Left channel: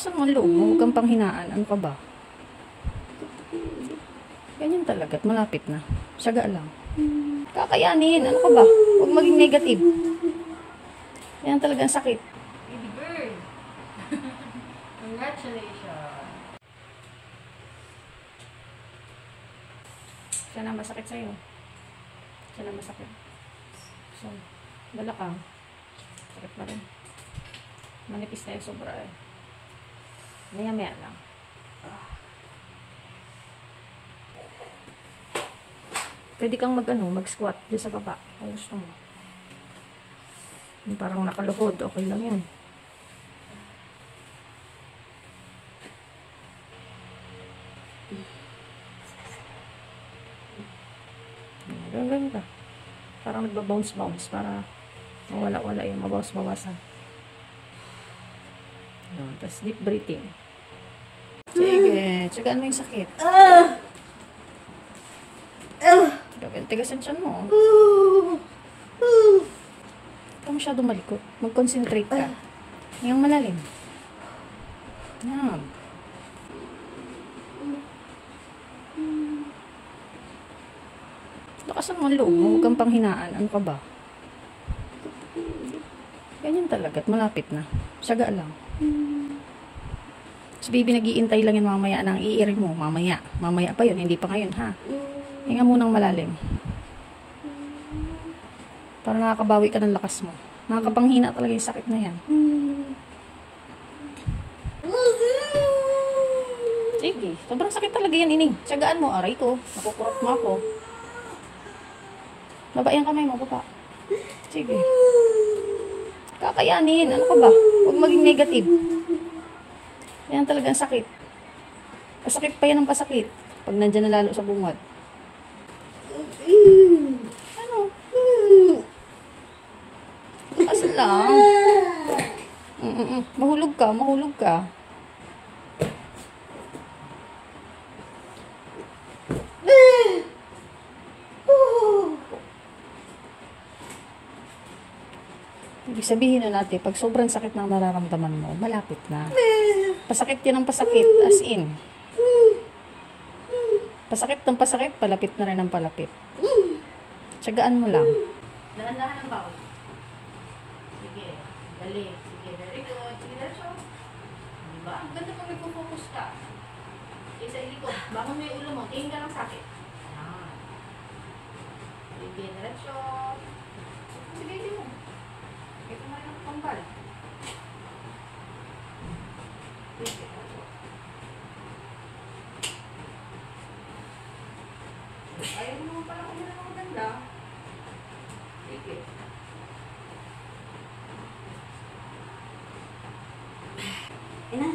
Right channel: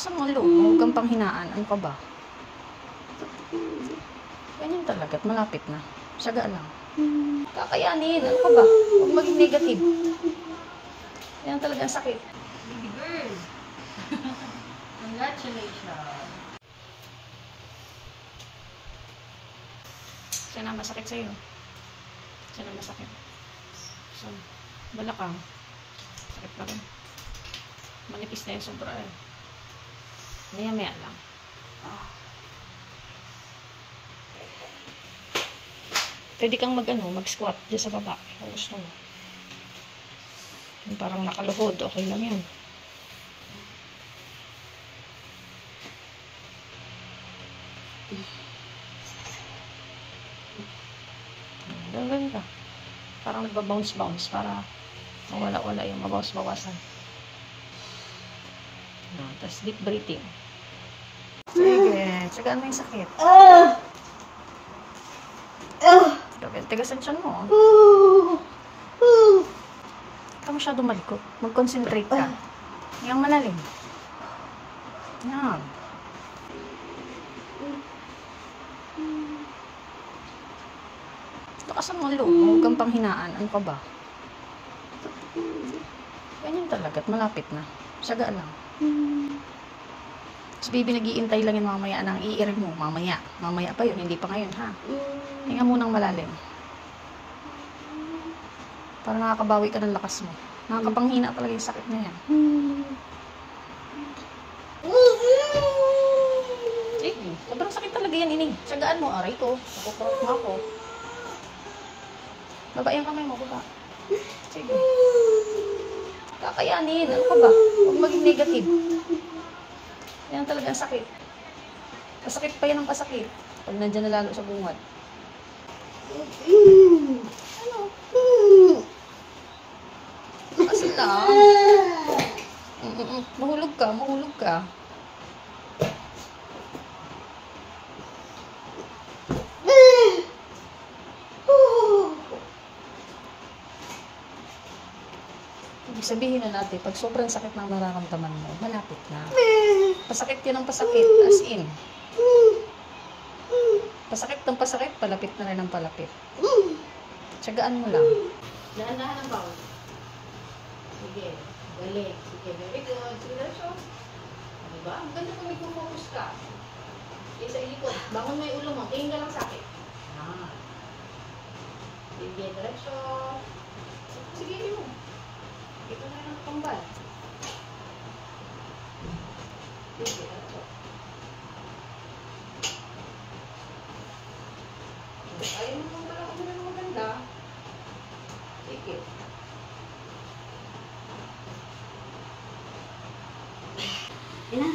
Lakas ang loob mo, huwag kang panghinaan. Ano ka ba? Ganyan talaga at malapit na. Saga lang. Kakayanin. Ano ka ba? Huwag maging negative. Ganyan talaga ang sakit. Baby girl. Congratulations. Sana masakit sa'yo. Sana masakit. So, balakang. Sakit pa rin. Manipis na yung sobra eh. Maya-maya lang. Pwede kang mag-squat dyan sa baba. Kung gusto mo. Yung parang nakaluhod. Okay lang yun. Ganyan ka. Parang nagbabounce-bounce para mawala-wala yung mabawas-bawasan. Tapos deep breathing. Sige. Tsagaan mo yung sakit. Tigasan siya mo. Huwag ka masyado malikot. Mag-concentrate ka. Yung malalim. Yan. Lakas ang loob mo. Huwag kang panghinaan. Ano ka ba? Ganyan talaga at malapit na. Saga lang. Tapos baby, nag-iintay lang yun mamaya ng i-ear mo. Mamaya. Mamaya pa yun. Hindi pa ngayon, ha? Hinga mo ng malalim. Para nakakabawi ka ng lakas mo. Nakakapanghina talaga yung sakit na yan. Sige. Sobrang sakit talaga yan, ining. Sagaan mo. Aray ko. Nakukurot mo ako. Baba yung kamay mo, papa. Sige. Kakayanin. Ano ka ba? Huwag maging negative. Yan talaga ang sakit. Pasakit pa yan ang pasakit. Pag nandyan na lalo sa bungad. Ano? Kasi lang. Mahulog ka, mahulog ka. Ibig sabihin na natin, pag sobrang sakit ng nararamdaman mo, malapit na. Pasakit yan ang pasakit, as in. Pasakit ng pasakit, palapit na rin ang palapit. Tsagaan mo lang. Dahan-dahan ang bawal. Sige. Galing. Sige. Very good. Sige, Nacho. Diba? Ang ganda pag mag-focus ka. Isa ilikot. Bangon mo yung ulo mo. Tingin ka lang sa akin. Sige, Nacho. Sige, hindi mo. Ito na rin ang pambal. Sige, Nacho. Ayaw mo pala kung ano maganda. Sige. Ina.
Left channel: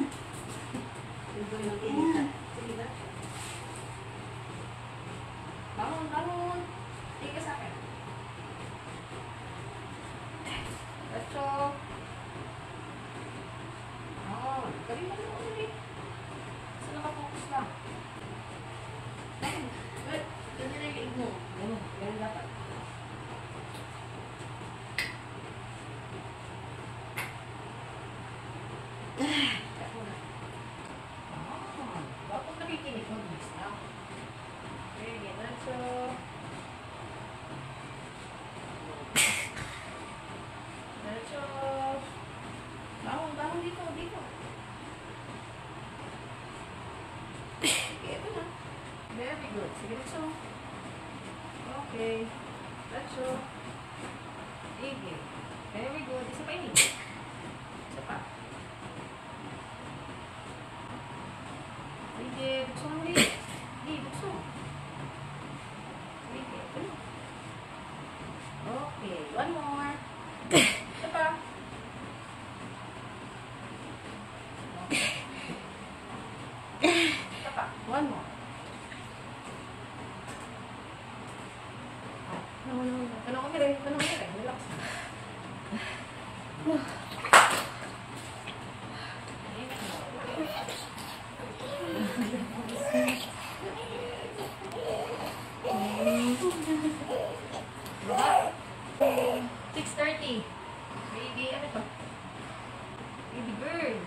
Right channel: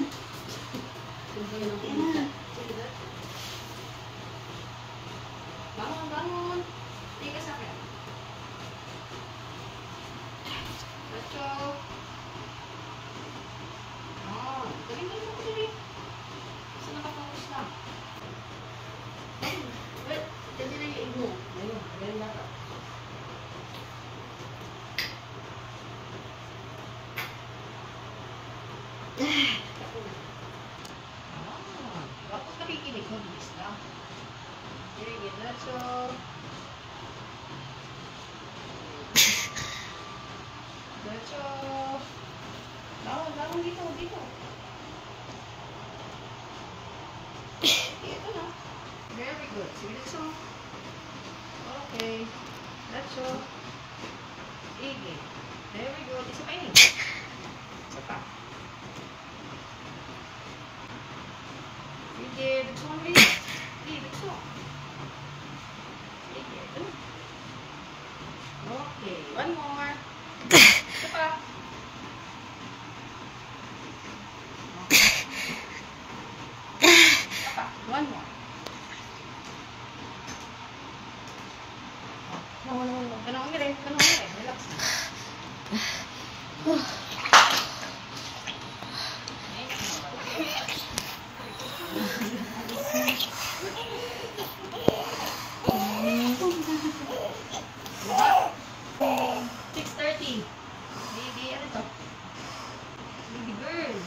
Simple ng pinita. Sige, Nacho. Bangon, bangon. Tika sa akin. Nacho. Galing na mo ulit. Basta nakafocus lang. Well, dyan din ang liig mo. Ayun, ganyan dapat. Bakit nakikinig mo? Bilis na. Sige, Nacho. Nacho. Bangon dito, dito. Sige, ito na. Very good. Sige, Nacho. Okay. Nacho. Sige. Very good. Isa pa yun. Isa pa. Sige. Buksan mo rin. Sige, buksan. Sige. Ito na. Okay. One more. Isa pa. Isa pa. One more. No. Tanong mo rin. Relax. Baby, ano to? Baby girl.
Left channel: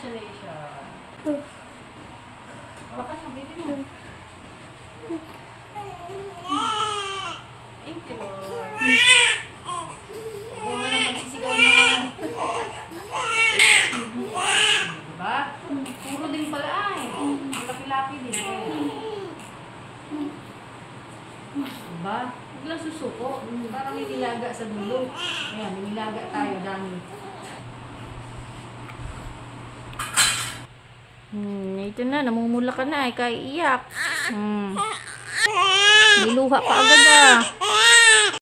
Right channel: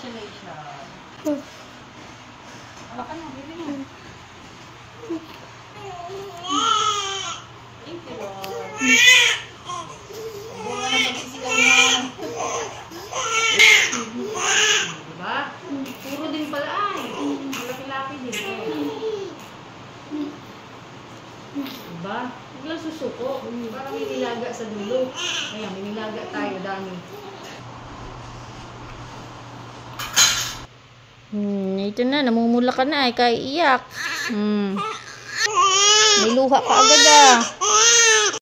Congratulations. Hawakan mo, baby niya. Thank you, Lord. Huwag mo na magsisigaw na. Diba? Puro din pala ay. Laki-laki din. Diba? Huwag lang susuko. Para may nilaga sa dulo. Ayan, may nilaga tayo, dami. Ito na, namumula ka na, kaya iyak. May luha pa agad ah.